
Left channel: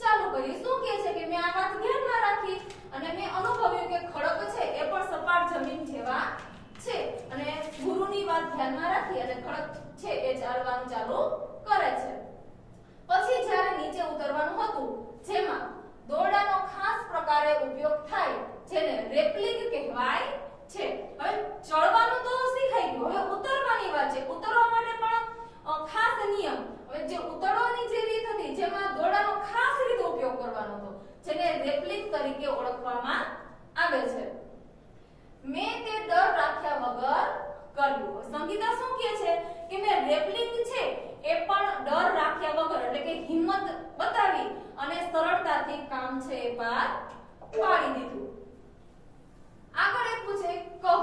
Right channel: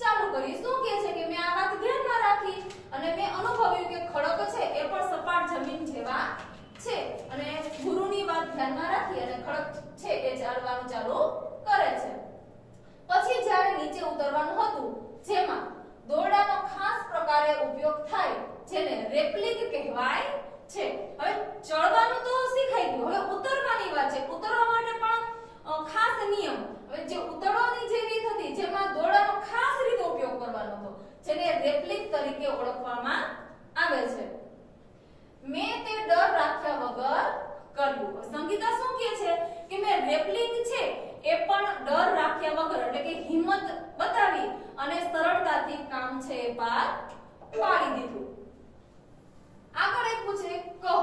ચાલુ કર્યું. શું કહે છે કે મેં આ વાત ધ્યાનમાં રાખી અને મેં અનુભવ્યું કે ખડક છે એ પણ સપાટ જમીન જેવા છે અને ગુરુની વાત ધ્યાનમાં રાખી અને ખડક છે એ ચાલવાનું ચાલુ કરે છે. પછી જ્યારે નીચે ઉતરવાનું હતું જેમાં દોરડાનો ખાસ પ્રકારે ઉપયોગ થાય જેને રેપલિંગ કહેવાય છે. હવે ચડવાનું તો શીખાઈ ગયું, હવે ઉતરવાની વાત છે. ઉતરવા માટે પણ ખાસ નિયમ. હવે જે ઉતરવાની જે રીત હતી જેમાં દોરડા સંગીતા શું કહે છે કે મેં રેપલિંગ છે એ પણ ડર રાખ્યા વગર એટલે કે હિંમત બતાવી અને સરળતાથી કામ છે એ પાર પાડી દીધું. આગળ એક પૂછે કહો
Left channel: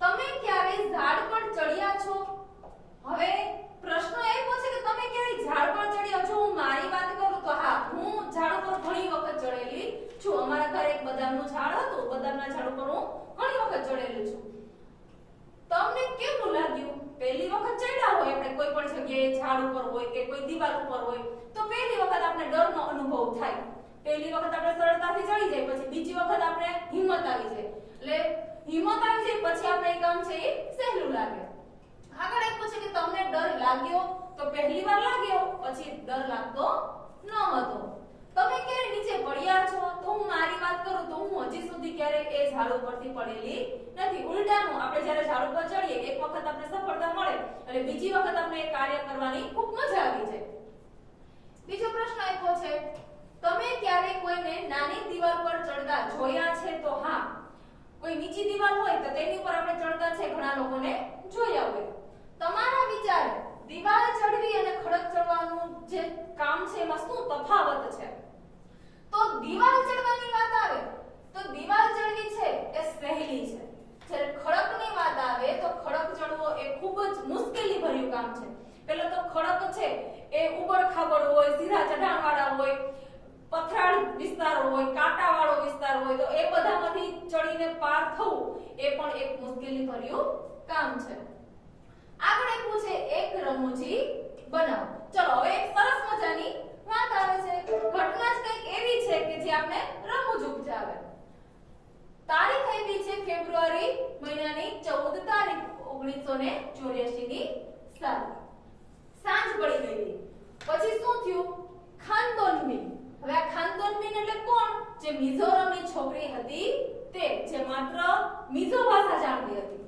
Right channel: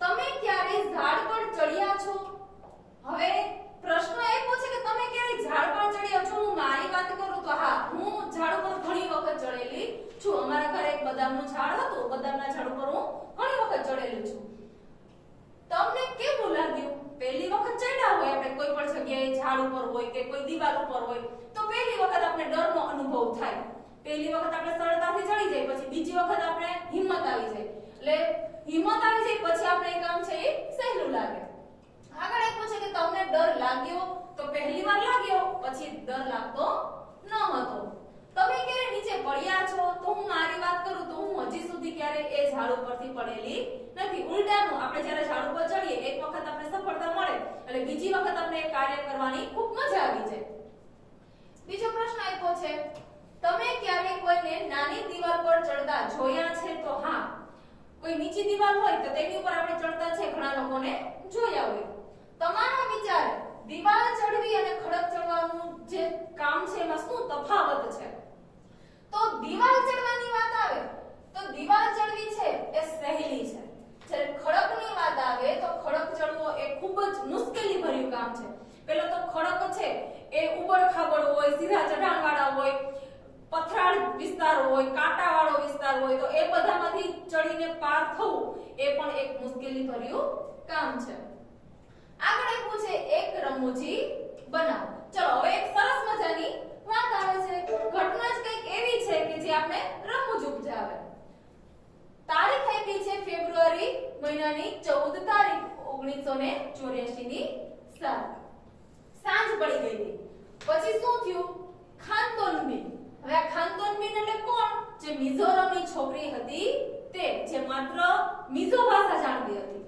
તમે ક્યારે ઝાડ પર ચડ્યા છો? હવે પ્રશ્ન એ પૂછે કે તમે ક્યારે ઝાડ પર ચડ્યા છો? હું મારી વાત કરું તો હા, હું ઝાડ પર ઘણી વખત ચડેલી છું. અમારા ઘરે એક બદામનું ઝાડ હતું. બદામના ઝાડ ઉપર હું ઘણી વખત ચડેલી છું. તમને કેવું લાગ્યું? પહેલી વખત ચડ્યા હોય આપણે કોઈ પણ જગ્યાએ ઝાડ ઉપર હોય કે કોઈ દીવાલ ઉપર હોય તો પહેલી વખત આપણે ડરનો અનુભવ થાય. પહેલી વખત આપણે સરળતાથી ચડી જાય, પછી બીજી વખત આપણે હિંમત આવી જાય. એટલે હિંમત આવી જાય પછી આપણે એ કામ છે એ સહેલું લાગે. આગળ એક પૂછે કે તમને ડર લાગ્યો? તો પહેલી વાર લાગ્યો, પછી ડર લાગતો ન હતો. તમે ક્યારે નીચે પડ્યા છો? તો હું મારી વાત કરું તો હું હજી સુધી ક્યારે એ ઝાડ ઉપરથી પડેલી નથી. ઉલટાનું આપણે જ્યારે ઝાડ ઉપર ચડીએ એક વખત આપણે સફળતા મળે એટલે બીજી વખત આપણે એ કાર્ય કરવાની ખૂબ મજા આવી જાય. બીજો પ્રશ્ન આપ્યો છે તમે ક્યારે કોઈને નાની દિવાલ પર ચડતા જોયા છે? તો હા, કોઈ નીચી દિવાલ હોય તો તેની ઉપર આપણે ચડતા છે ઘણા લોકોને જોયા હોય. તમારા વિચાર દિવાલ ચડવી અને ખડક ચડવાનું જે કામ છે એમાં શું તફાવત છે? તો દિવાલ ચડવાની વાત આવે તો દિવાલ ચડવી છે એ સહેલી છે. જ્યારે ખડકની વાત આવે તો ખડક ચડવો એ ખૂબ જ મુશ્કેલી ભર્યું કામ છે. પહેલો તો ખડક છે એ ઉબડ-ખાબડ હોય, સીધા ચઢાણવાળા હોય, પથરાળ વિસ્તાર હોય, કાંટાવાળો વિસ્તાર હોય તો એ બધામાંથી ચડીને પાર થવું એ પણ એક મુશ્કેલી ભર્યું કામ છે. આગળ એક પૂછે એક રમૂજી બનાવો. ચલો હવે એક સરસ મજાની વાત આવે છે. ઘટના જ કંઈક એવી છે કે જે આપણે રમૂજ ઉપજાવે. તારીખ આપી છે ફેબ્રુઆરી મહિનાની 14 તારીખ 1984 ની સાલ. સાંજ પડી ગઈ હતી. પછી શું થયું? ખાનદોનબીન. હવે આ ખાનદોનબીન એટલે કોણ? જે મિઝોરમની છોકરી હતી તે, જે માત્ર મિઝો ભાષા જાણતી હતી.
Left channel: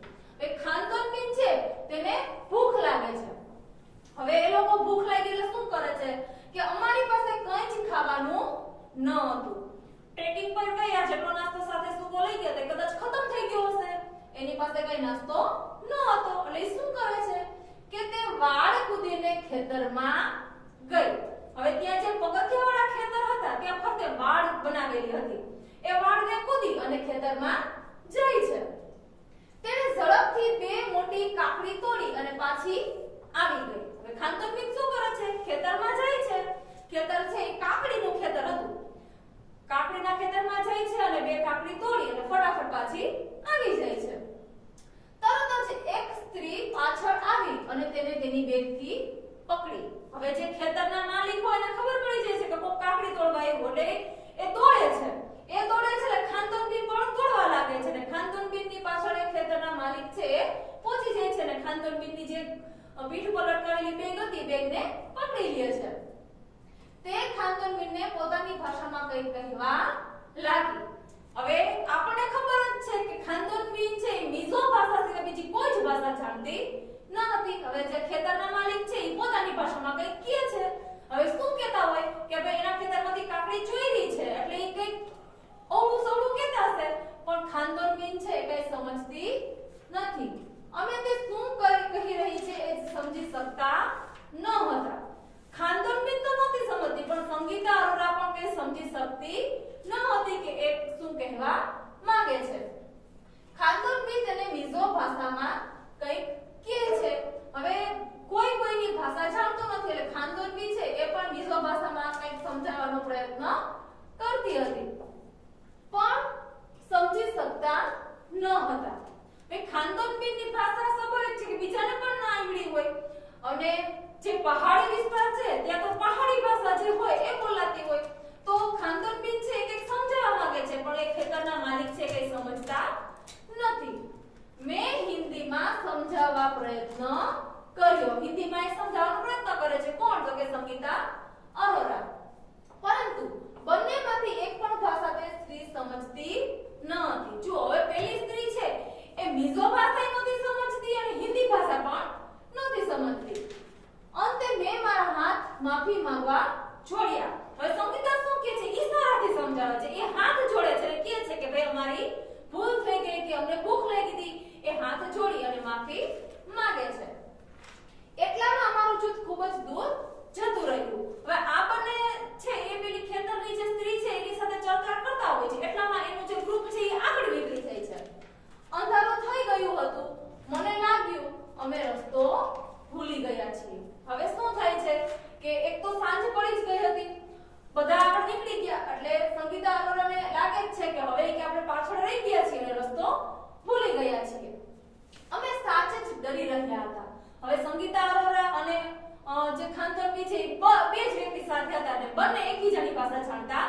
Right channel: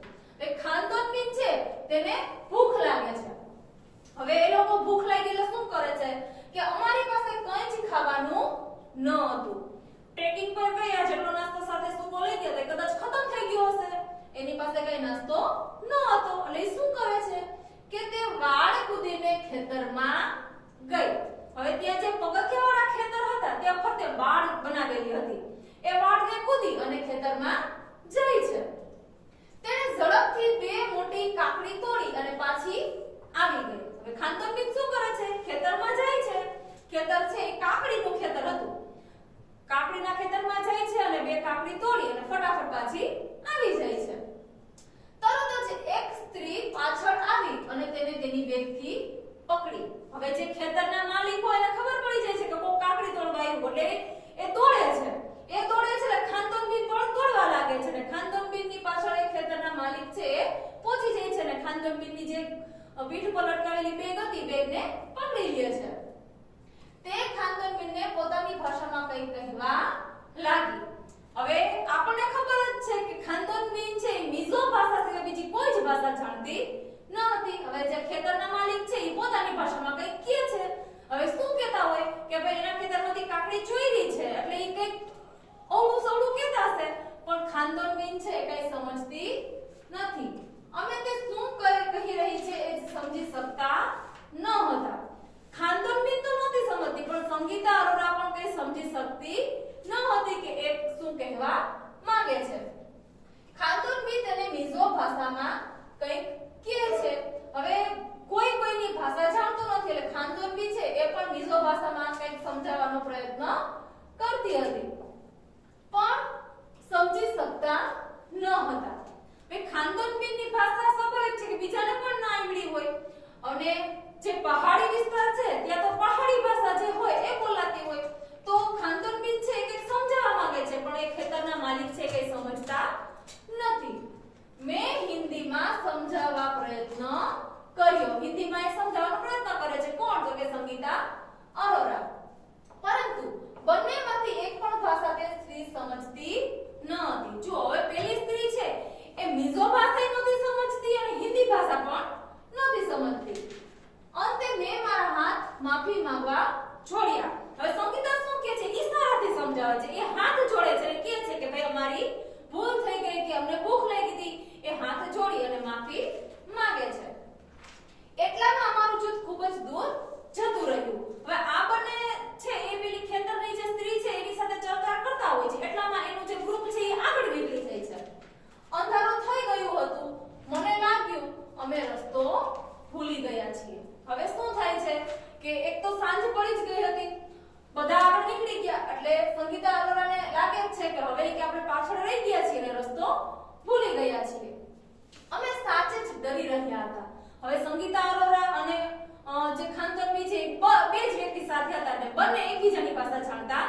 એ ખાનદોનબીન છે તેને ભૂખ લાગે છે. હવે એ લોકો ભૂખ લાગી એટલે શું કરે છે કે અમારી પાસે કંઈ જ ખાવાનું ન હતું. ટ્રેકિંગ પર ગયા, જેટલો નાસ્તો સાથે સૂકો લઈ ગયા તે કદાચ ખતમ થઈ ગયો હશે. એની પાસે કઈ નાસ્તો ન હતો એટલે શું કરે છે કે તે વાડ કૂદીને ખેતરમાં ગઈ. હવે ત્યાં જે પગથિયાવાળા ખેતર હતા ત્યાં ફરતે વાડ બનાવેલી હતી. એ વાડને કૂદી અને ખેતરમાં જાય છે. તેણે ઝડપથી બે મોટી કાકડી તોડી અને પાછી આવી ગઈ. હવે ખાનદોનબીન શું કરે છે? ખેતરમાં જાય છે. ખેતર છે એ કાકડીનું ખેતર હતું. કાકડીના ખેતરમાં જાય છે અને બે કાકડી તોડી અને ફટાફટ પાછી આવી જાય છે. તરત જ એક સ્ત્રી પાછળ આવી અને તેને તેની બેગથી પકડી. હવે જે ખેતરના માલિક હોય એને ખબર પડી જાય છે કે કોઈ કાકડી તોડવા આવ્યું એટલે એ દોડે છે. એ દોડે છે એટલે ખાનદોનબીન પણ દોડવા લાગે છે અને ખાનદોનબીનની પાછળ એ ખેતરના માલિક છે એ પહોંચી જાય છે અને ખાનદોનબીનની જે પીઠ પર લટકાવેલી બેગ હતી બેગને પકડી લે છે. તે ખાનદોનબીનને પોતાની ભાષામાં કંઈ કહેવા લાગી. હવે આપણને ખબર જ છે કે ખાનદોનબીન છે એ મિઝો ભાષા સિવાય બીજી કોઈ જ ભાષા જાણતી ન હતી. હવે જે ખેતરના માલિક છે એ પોતાની ભાષામાં કંઈક કહે છે. હવે શું કહેતા હોય કે ભાઈ એના ખેતરમાંથી કાકડી ચોરી છે એટલે એ કંઈક ઓળું સવળું કહેતા હશે, પણ ખાનદોનબીન છે એ કંઈ સમજતી નથી. અમે તે શું કહી રહી છે એ સમજી શકતા ન હતા. ખાનદોનબીન તો નહોતી સમજતી પણ સંગીતા અરોરા પણ કંઈ સમજી શકતી ન હતી કે એ શું કહેવા માંગે છે. ખાનદોનબીન તેને મિઝો ભાષામાં કંઈક કહે છે. હવે કોઈ કોઈની ભાષા જાણતો નથી એટલે ખાનદોનબીન છે એ પણ મિઝો ભાષામાં કંઈક સમજાવવાનો પ્રયત્ન કરતી હતી પણ સમજી શકતા ન હતા. ખાનદોનબીનની ભાષા સ્વાભાવિક છે કે બીજાને પણ ના આવડી હોય અને જે પહાડી વિસ્તાર છે ત્યાં તો પહાડી ભાષા જે હોય એ બોલાતી હોય તો ખાનદોનબીન છે એ કંઈક સમજાવવા માંગે છે પણ એ ખેતરના માલિક છે કંઈ સમજતા નથી. મેં હિન્દીમાં સમજાવવા પ્રયત્ન કર્યો. હિન્દીમાં એ સમજાવવાનો પ્રયત્ન કરે છે. કોણ? તો કે સંગીતા અરોરા. પરંતુ બંનેમાંથી એક પણ ભાષા તે સ્ત્રી સમજતી ન હતી. જો હવે પહેલી સ્ત્રી છે એ મિઝો ભાષા નહોતી સમજતી અને હિન્દી ભાષા પણ નહોતી સમજતી. અંતે મેં મારા હાથ માફી માંગવા છોડ્યા. હવે સંગીતા શું કહે છે? ઈશારાથી સમજાવે છે. એ હાથ જોડે છે અને કહે છે કે ભાઈ અમારી ભૂલ થઈ ગઈ કે અમને ભૂખ લાગી હતી. એ હાથ જોડી અને માફી ખૂબ જ દૂર જતું રહ્યું. હવે આ બંને છે એ પેલી ખેતરની જે સ્ત્રી છે એની સાથે ચર્ચા કરતા હોય છે, એટલામાં એનું જે ગ્રુપ છે એ આગળ નીકળી જાય છે. અંધારું થઈ ગયું હતું. મને લાગ્યું અમે રસ્તો ભૂલી ગયા છીએ. હવે શું થાય છે કે એક તો સાંજ પડી જ ગઈ હતી, બધા આગળ નીકળી ગયા, એટલે સંગીતા અરોરાને લાગે જ છે કે હવે કે આપણે પાછળ રહી ગયા છીએ અને રસ્તો ભૂલી ગયા છીએ. અમે સાચે જ ડરી રહ્યા હતા. હવે સંગીતા અરોરા અને જે ખાનતનવી છે બે જ વ્યક્તિ સાથે હતા અને બંને એકબીજાની પાસે જાણતા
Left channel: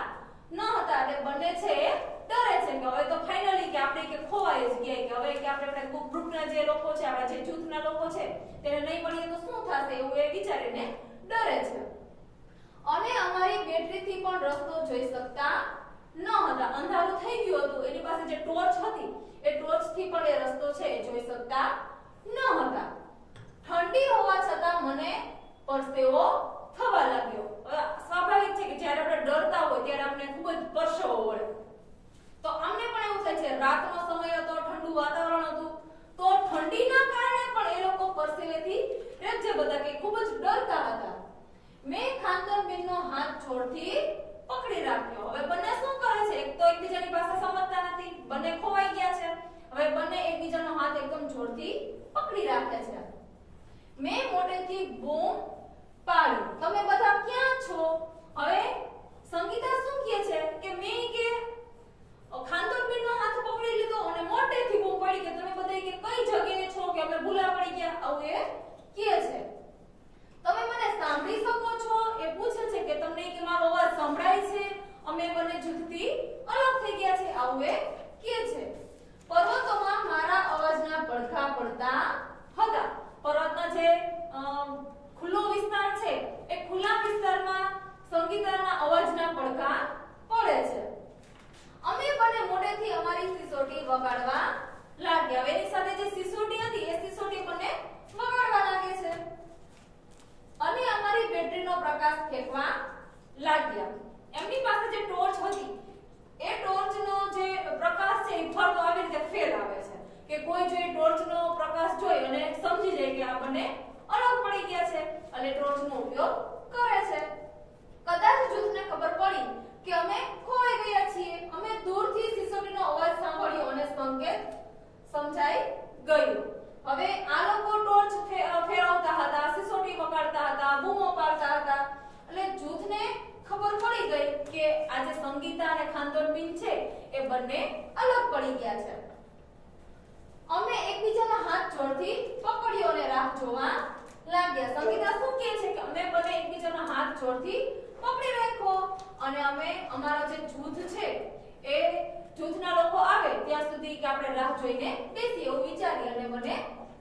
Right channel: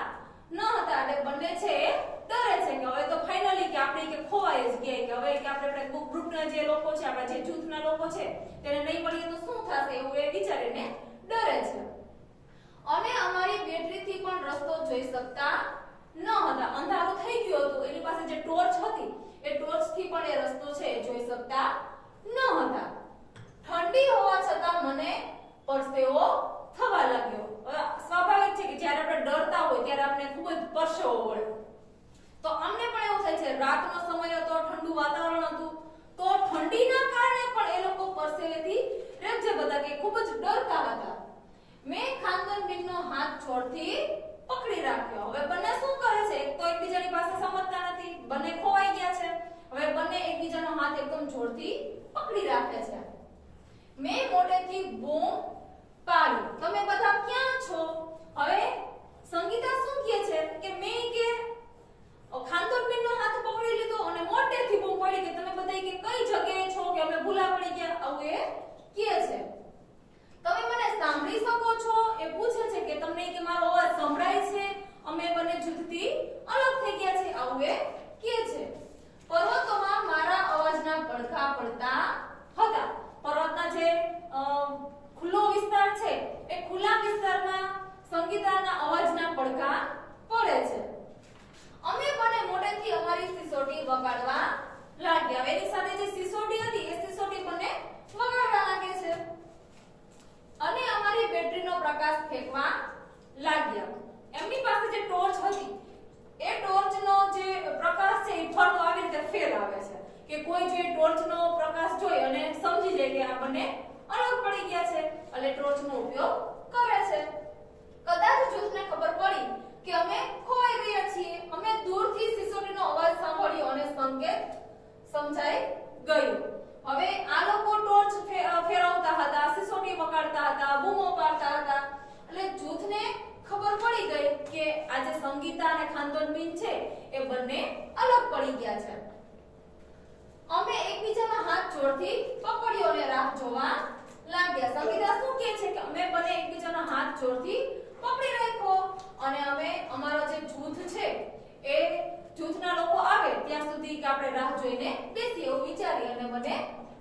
ન હતા. એટલે બંને છે ડરે છે કે હવે તો ફાઇનલી કે આપણે કે ખોવાઈ જ ગયા, કે હવે કે આપણે ગ્રુપના જે લોકો છે, આપણા જે જૂથના લોકો છે તેને નહીં મળીએ તો શું થશે એવું એ વિચારીને ડરે છે. અને અમારી બેટરીથી પણ રસ્તો જોઈ શકતા ન હતા. અંધારું થઈ ગયું હતું. એની પાસે જે ટોર્ચ હતી એ ટોર્ચથી પણ એ રસ્તો છે જોઈ શકતા ન હતા. ઠંડી હોવા છતાં મને પરસેવો થવા લાગ્યો. સ્વાભાવિક છે કે જ્યારે આપણે ડરતા હોય ત્યારે આપણે ખૂબ જ પરસેવો વળે. તો અમને પણ એવું થાય છે, રાતનો સમય હતો, ઠંડુ વાતાવરણ હતું, તો ઠંડીના કારણે પણ એ લોકો પરસેવેથી રેબઝેબ હતા કે ખૂબ જ ડરતા હતા. મેં ખાનતનબેનનો હાથ જોરથી પકડી રાખ્યો. હવે બંને શું કરે છે? એક તો એકબીજાની પાસે સમજતા નથી, બંને ખોવાઈ ગયા છે. હવે બંને એકબીજાનો હાથ એકદમ જોરથી પકડી રાખે છે. મેં મોટેથી બૂમ પાડી, તમે બધા ક્યાં છો? હવે સંગીતા શું કહે છે કે મેં કે ખાનતનબેનનો હાથ પકડી લીધો અને મોટેથી બૂમ પાડી કે તમે બધા કે કઈ જગ્યાએ છો, કે અમે ભૂલા પડી ગયા, આવું એ કહે છે. તમે મને સાંભળી શકો છો? એ પૂછે છે કે તમને કે મારો અવાજ સંભળાય છે? અમે બંને જુદથી અલગ થઈ ગયા છે, આવું એ કહે છે. પર્વતોમાં મારા અવાજના પડઘા પડતા હતા. પર્વતના જે ખુલ્લો વિસ્તાર છે એ ખુલ્લા વિસ્તારમાં સંગીતાના અવાજના પડઘા પડે છે. અમે બંને મોટેથી અમારી સિસોટી વગાડવા લાગ્યા. એની સાથે જે સિસોટી હતી એ સિસોટી બંને વગાડવા લાગે છે અને અમારી બેટરીનો પ્રકાશ ફેંકવા લાગ્યા. એમની પાસે જે ટોર્ચ હતી એ ટોર્ચનો જે પ્રકાશ છે એ ફરતો આવી રીતે ફેલાવે છે કે કોઈ જો ટોર્ચનો પ્રકાશ જોઈ અને સમજી જાય કે આપણને અલગ પડી ગયા છે એટલે ટોર્ચનો ઉપયોગ કરે છે. કદાચ જૂથને ખબર પડી કે અમે ખોવાઈ ગયા છીએ. અમે દૂરથી સિસોટીનો અવાજ સાંભળ્યો અને સંકેત સમજાઈ ગયું. હવે આ લોકો ટોર્ચ ફેરવતા હતા, સિસોટી વગાડતા હતા, બૂમો પાડતા હતા, એટલે જૂથને ખબર પડી ગઈ કે આજે સંગીતા અને ખાનતનબેન છે એ બંને અલગ પડી ગયા છે. અમે એકબીજાના હાથ જોડથી પકડ્યો અને રાહ જોવા લાગ્યા. સંગીતા શું કહે છે કે અમે બંને એકબીજાના હાથ જોડથી પકડી રાખ્યો અને અમે અમારો જે જૂથ છે એ જૂથના લોકો આવે ત્યાં સુધી કે આપણે રાહ જોઈને બેસીએ એવું વિચારી અને મને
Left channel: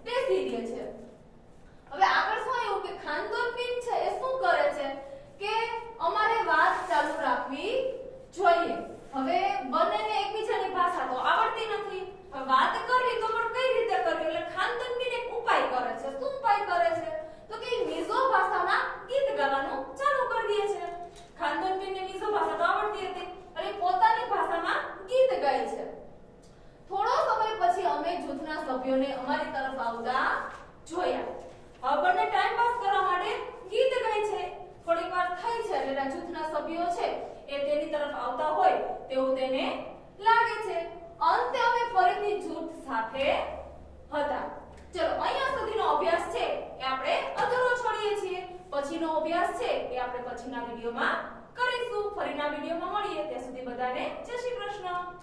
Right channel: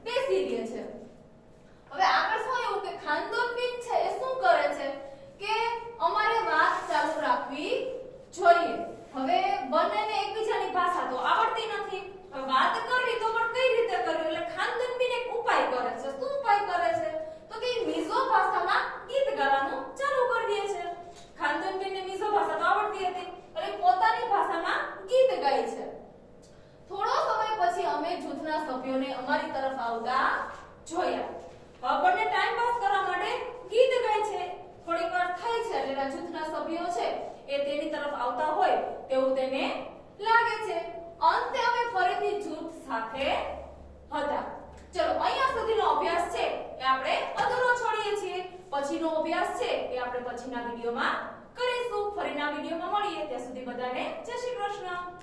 બેસી રહે છે. હવે આગળ શું આવ્યું કે ખાનતનબેન છે એ શું કરે છે કે અમારે વાત ચાલુ રાખવી જોઈએ. હવે બંનેને એકબીજાની ભાષા તો આવડતી નથી, વાત કરવી તો પણ કઈ રીતે કરવી, એટલે ખાનતનબેન એક ઉપાય કરે છે. શું ઉપાય કરે છે તો કે મિઝો ભાષામાં ગીત ગાવાનું ચાલુ કરી દે છે. ખાનતનબેનને મિઝો ભાષા તો આવડતી હતી એટલે પોતાની ભાષામાં ગીત ગાય છે. થોડો સમય પછી અમે જૂથના સભ્યોને અમારી તરફ આવતા જોયા. આપણને ટાઈમ પાસ કરવા માટે ગીત ગાય છે. થોડી વાર થાય છે એટલે જૂથના સભ્યો છે એ તેની તરફ આવતા હોય તેવું તેને લાગે છે. અંતે અમે ફરીથી જૂથ સાથે હતા. ચલો અહીંયા સુધીનો અભ્યાસ છે એ આપણે અધૂરો છોડીએ છીએ. પછીનો અભ્યાસ છે એ આપણે પછીના વિડિયોમાં કરીશું. ફરીના વિડિયોમાં મળીએ. ત્યાં સુધી બધાને જય શ્રી કૃષ્ણ.